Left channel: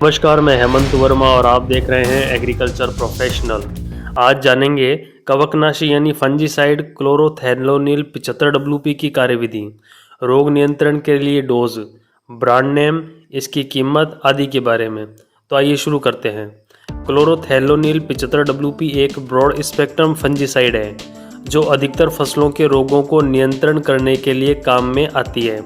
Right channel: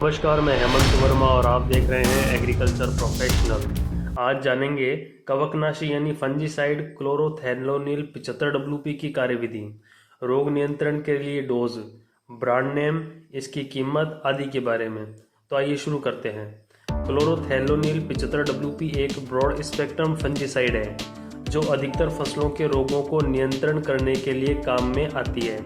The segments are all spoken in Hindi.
नमस्कार, मैं हेमंत वर्मा और आप देख रहे हैं एग्रीकल्चर प्रोफेशनल। आज जानेंगे कवकनाशी यानी फंजीसाइड क्लोरोथैलोनिल 75 WP की कार्यविधि, रोग नियंत्रण के लिए डोज, ब्रांड नेम, इसकी कीमत आदि के बारे में। तो आइए शुरू करते हैं। क्लोरोथैलोनिल 75 WP एक ब्रॉड स्पेक्ट्रम फंजीसाइड है जो अधिकतर फसलों के रोगों को नियंत्रण करने के लिए काम में आती है।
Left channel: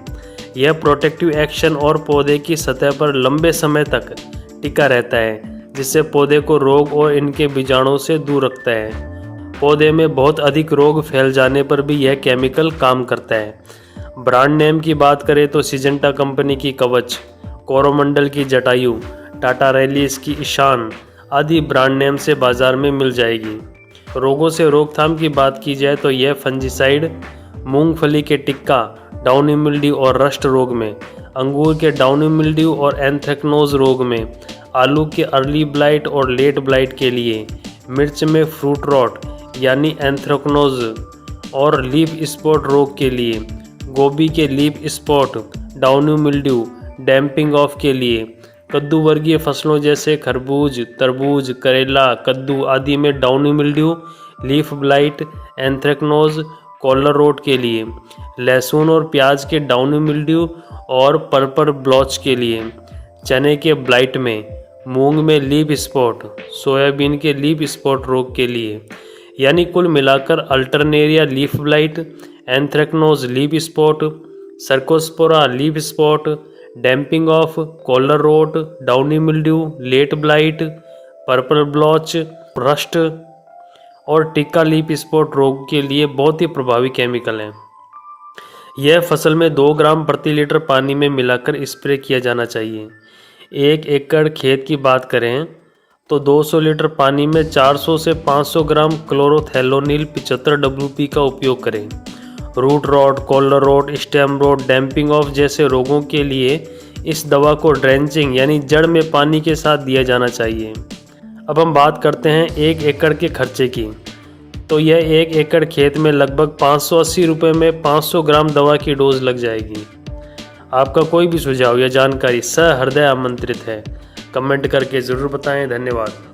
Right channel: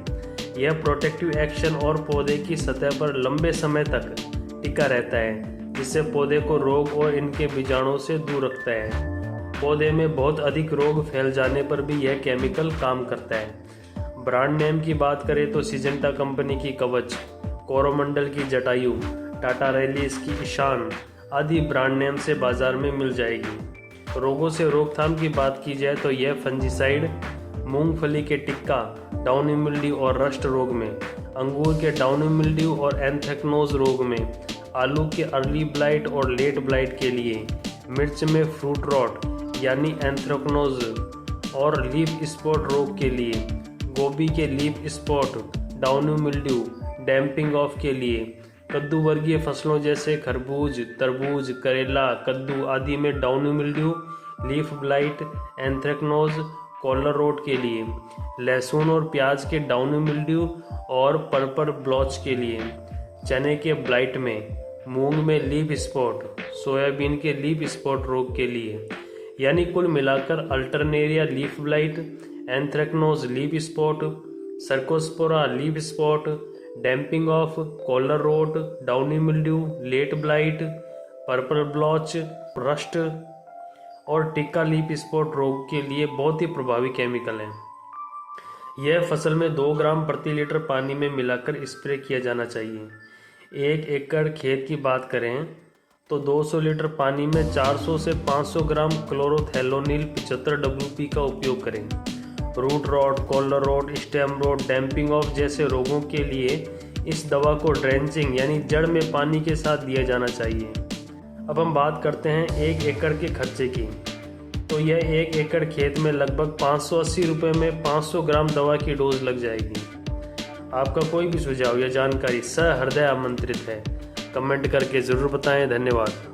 यह प्रोटेक्टिव एक्शन और पौधे की सतह पर लंबे समय तक टिका रहता है, जिससे पौधे को रोग और इनके बीजाणुओं से दूर रखता है। पौधे में बहुत अधिक रोग फैल जाने पर भी यह केमिकल काम करता है। ब्रांड नेम की बात करें तो सिजेंटा कंपनी की कवच, कोरोमंडल की जटायु, टाटा रैलीज की ईशान आदि ब्रांड नेम से बाजार में मिल जाएगी। रोगों से रोकथाम की बात की जाए तो यह फंजीसाइड मूंगफली के टिक्का, डाउनी मिल्ड्यू और रस्ट रोग में, अंगूर के डाउनी मिल्ड्यू और एंथ्रेक्नोज रोग में, आलू के अर्ली ब्लाइट और लेट ब्लाइट के लिए, मिर्च में फ्रूट रॉट यानी एंथ्रेक्नोज और लीफ स्पॉट रोग के लिए, गोभी के leaf spot, downy mildew, damping off के लिए, कद्दू वर्गीय फसलों जैसे खरबूज, तरबूज, करेला, कद्दू आदि में downy mildew, leaf blight, anthracnose, collar rot के लिए, लहसुन और प्याज के डाउनी मिल्ड्यू और पर्पल ब्लॉच के लिए, चने के ब्लाइट में, मूंग में लीफ स्पॉट, सोयाबीन के लीफ स्पॉट रोग के लिए। यानी कुल मिलाकर alternaria leaf blight, anthracnose leaf spot, cercospora leaf spot, damping off, collar rot, downy mildew, late blight, purple blotch, rust और टिक्का लीफ स्पॉट रोग के लिए बहुत ही प्रभावी केमिकल हैं। यह फसल में 2 ग्राम प्रति लीटर पानी में मिलाकर स्प्रे किया जाना चाहिए। 1 एकड़ खेत की बात करें तो 200 लीटर पानी में 400 से 500 ग्राम क्लोरोथैलोनिल 75 WP का उपयोग करें। Root rot, collar rot, stem rot, damping off जैसे रोगों के लिए इस दवा को ड्रेंचिंग यानी जड़ में पानी के साथ दिया जाना चाहिए। अब हम बात करते हैं 1 एकड़ के खर्चे की। तो यह 1 एकड़ खेत में लगभग 580 रुपये में 500 ग्राम दवा की डोज लग जाएगी। आपका कोई भी सुझाव या जानकारी सहृदय आमंत्रित है। कमेंट करके ज़रूर बताएं। धन्यवाद।